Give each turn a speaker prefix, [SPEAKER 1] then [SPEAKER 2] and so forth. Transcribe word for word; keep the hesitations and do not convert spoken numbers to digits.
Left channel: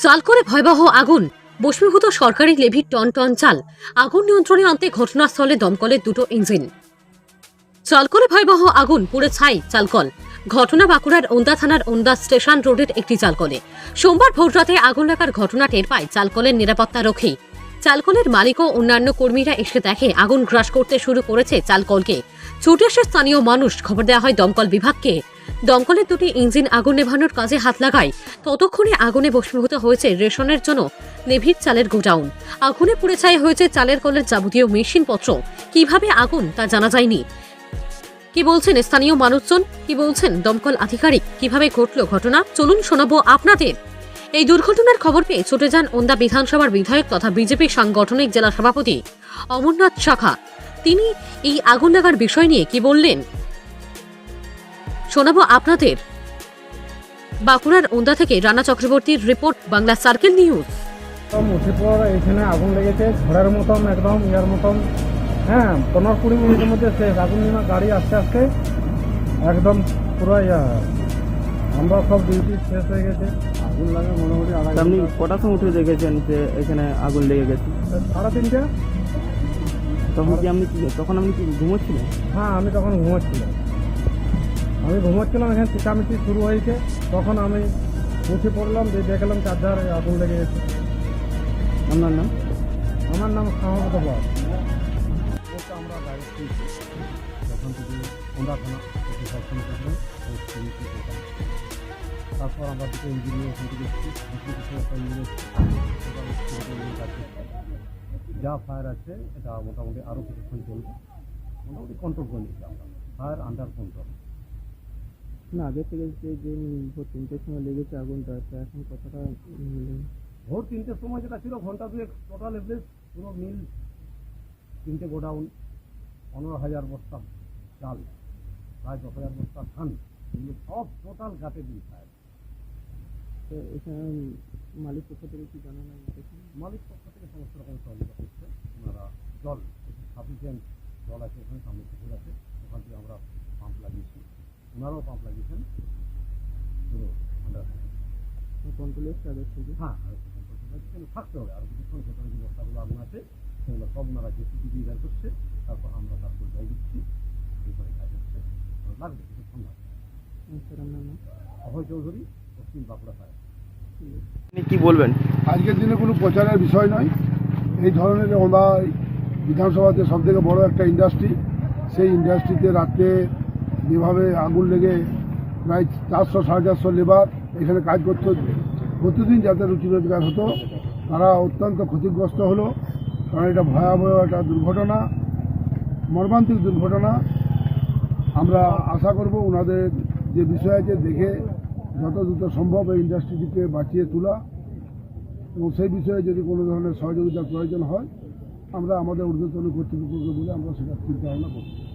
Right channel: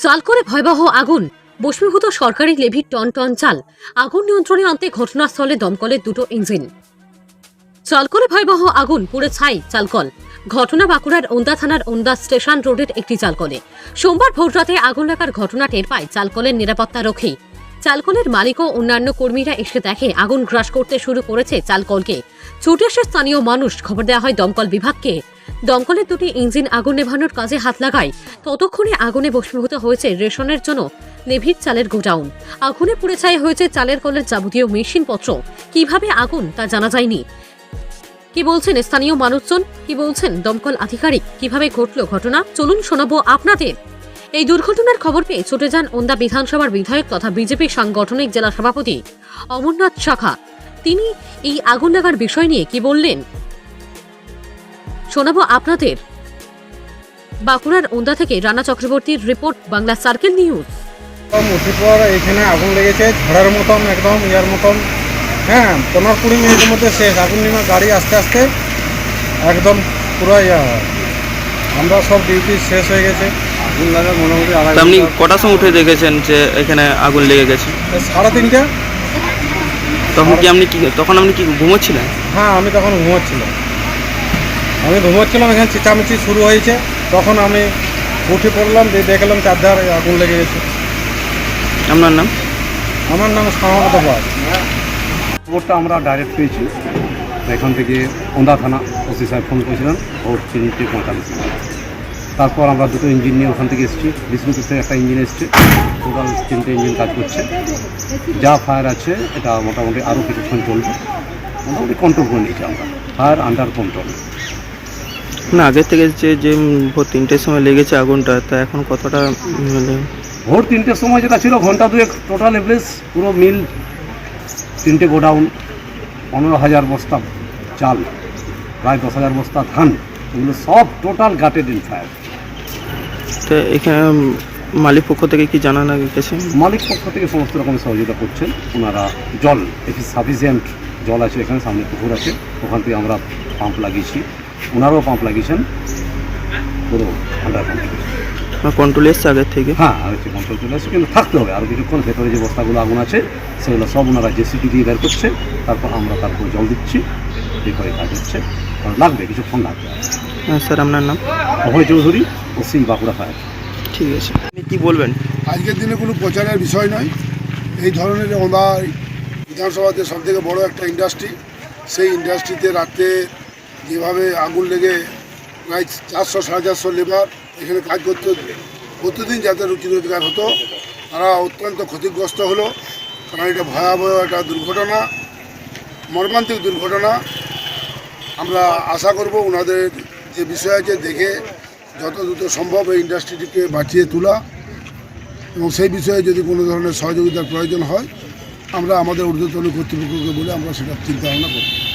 [SPEAKER 1] চাল করে ভয়াবহ আগুন, বস্মীভূত সরকারি লেভির টন টন চাল। আগুন নিয়ন্ত্রণে আনতে ঘটনাস্থলে দমকলের দুটো ইঞ্জিন। চাল করে ভয়াবহ আগুন, পুড়ে ছাই চালকল। ঘটনা বাঁকুড়ার ওন্দা থানার ওন্দা স্টেশন রোডের একটি চালকলে। সোমবার ভোররাতে আগুন লাগার ঘটনা টের পায় চালকলের নিরাপত্তা রক্ষী। চালকলের মালিক ও অন্যান্য কর্মীরা এসে দেখে আগুন গ্রাস করতে শুরু করেছে চালকলকে। ছুটে আসে স্থানীয় মানুষ, খবর দেওয়া হয় দমকল বিভাগকে। দমকলের দুটি ইঞ্জিন আগুন নেভানোর কাজে হাত লাগায়। ততক্ষণে আগুনে ভস্মীভূত হয়েছে রেশনের জন্য লেভির চালের গোডাউন। আগুনে পুড়ে ছাই হয়েছে চালের কলের যাবতীয় মেশিনপত্র। কিভাবে আগুন তা জানা যায়নি। কি বলছেন স্থানীয় মানুষজন, কি বলছেন দমকল আধিকারিক, কিভাবে ঘটল ঘটনা, চলুন শোনাবো আপনাদের। এই দুর্ঘটনার খবর পেয়ে ছুটে যান ওন্দা বিধানসভার বিধায়ক তথা বিজেপি সাংগঠনিক জেলা সভাপতি অমরনাথ শাখা। তিনি এই আগুন লাগার বিষয় নিয়ে কি বললেন শোনাবো আপনাদের। বাঁকুড়ার ওন্দা থেকে রানা চক্রবর্তীর রিপোর্ট, বাংলা সার্কেল নিউজ।
[SPEAKER 2] উঠির পর এখানে আগুন লেগেছে ঝড়ের মতন, একদম ইয়ার মতন। হ্যাঁ, পনেরো কুড়ি মিনিটের মধ্যে শেষ। আগুন নিমা গাড়ি আস্তে আস্তে একদম পুরো ইয়া হয়। আমরা সব ডিউটি শেষ হয়ে গেছে। আগুন লাগা মোটামুটি
[SPEAKER 3] আপনি কটার সময় উঠে দেখেছেন যে এখানে আগুন লেগে গেছে?
[SPEAKER 2] সাড়ে তিনটে।
[SPEAKER 3] তখন কি আপনি কি তখন আপনি কি ঘুমোচ্ছিলেন?
[SPEAKER 2] হ্যাঁ, আমি তখন ঘুমোচ্ছিলাম আমি ঘুমোচ্ছিলাম এখানে চেঁচামেচি শুরু হয়েছে। তখন আমি উঠে পড়লাম, দিয়ে দেখলাম চারধার আগুন লেগে গেছে।
[SPEAKER 3] আপনার নাম?
[SPEAKER 2] আমার নাম সমাগত পাল।
[SPEAKER 4] খবরটা আমরা ডাইরেক্ট পেয়েছি এখান থেকে ওন্দা থানা ওসি সাহেব ফোন করেছিলেন ভোর তিনটে পঁয়তাল্লিশ মিনিট। তারপর আমরা দুটো ইঞ্জিন নিয়ে ওখান থেকে এসেছি। বিষ্ণুপুর থেকে একটা ইঞ্জিন এসছে, টোটাল তিনটে ইঞ্জিন কাজ করছে। যা ফায়ার আছে এটা মোটামুটি আরও কিছুক্ষণ চলবে, মোটামুটি কন্ট্রোল করে নিয়েছি আমরা। Fire under control.
[SPEAKER 3] না, আগের থেকে যে যে ভোর তিনটের সময় লেগেছে আগুনটা, তা এখন কতটা মানে?
[SPEAKER 4] ভোর তিনটের সময় যেটা ছিল ঘন্টা দুয়েক টোটাল এভারেজ পুরো মিল, তিনটে গোডাউন, পনেরো হাজার বস্তা চাল, প্রায় দশ হাজার বস্তা ধান, এগুলো সব টোটাল গাটেড ইন ফায়ার।
[SPEAKER 3] তো এখানে মালিক পক্ষ থেকে কি জানানো গেছে?
[SPEAKER 4] মালিক পক্ষ থেকে সমস্ত রকম সহযোগিতা করছেন ওনারা। জল এটি সাফিসিয়েন্ট জল আছে, এখানে সামনে পুকুর আছে, ওখান থেকে আমরা পাম্প লাগিয়েছি, ওনারাও পাম্প লাগিয়েছেন, পুরো আন্ডার কন্ট্রোল।
[SPEAKER 3] কন্ট্রোল এসছে আগের থেকে?
[SPEAKER 4] হ্যাঁ, আর হচ্ছে কন্ট্রোল চলে আসছে, কিন্তু থাকতে হবে আরও কিছুক্ষণ। ভেতরে যে বস্তাগুলো আগুন আছে সেগুলো সব ওনারা জেসিপি দিয়ে বের করছে, তারপর আমরা তারপর জল দিচ্ছি, এরপরে কাজ হচ্ছে। কারণ লাগবে, কিছুক্ষণ লাগবে।
[SPEAKER 3] হ্যাঁ স্যার, আপনার নাম?
[SPEAKER 4] Abhay Chowdhury, OC Bankura fire.
[SPEAKER 3] ঠিক আছে, আপনি কী বলবেন?
[SPEAKER 5] আজকের দিনে কোনো প্রচারের বিষয় নয়। এই ধরনের ওন্দা বিধানসভাতে সবথেকে বড় একটা ইন্ডাস্ট্রি, সেই ইন্ডাস্ট্রিতে রাত্রে যেভাবে আগুন লেগে প্রায় চারশো সাড়ে চারশো লেবার এখানে কাজ করতে, প্রতিদিন যাতে রুটি রোজগার হতো, তারা অত্যন্ত ক্ষতিগ্রস্ত হলো। কারণ এটা ভয়াবহ একটা দুর্ঘটনা, মর্মান্তিক দুর্ঘটনা। আমরা আশা করব ওনাদের যে বিষয় আছে দেখে যত দ্রুত সম্ভব এই ইন্ডাস্ট্রিটিকে বাঁচিয়ে তোলা, এবং সেই বিষয়ে যদি কোনো ধরনের সহযোগিতার প্রয়োজন হয় আমরা আমাদের ঊর্ধ্বতন কর্তৃপক্ষকে বলে আমরা সেটা চিন্তা ভাবনা করব।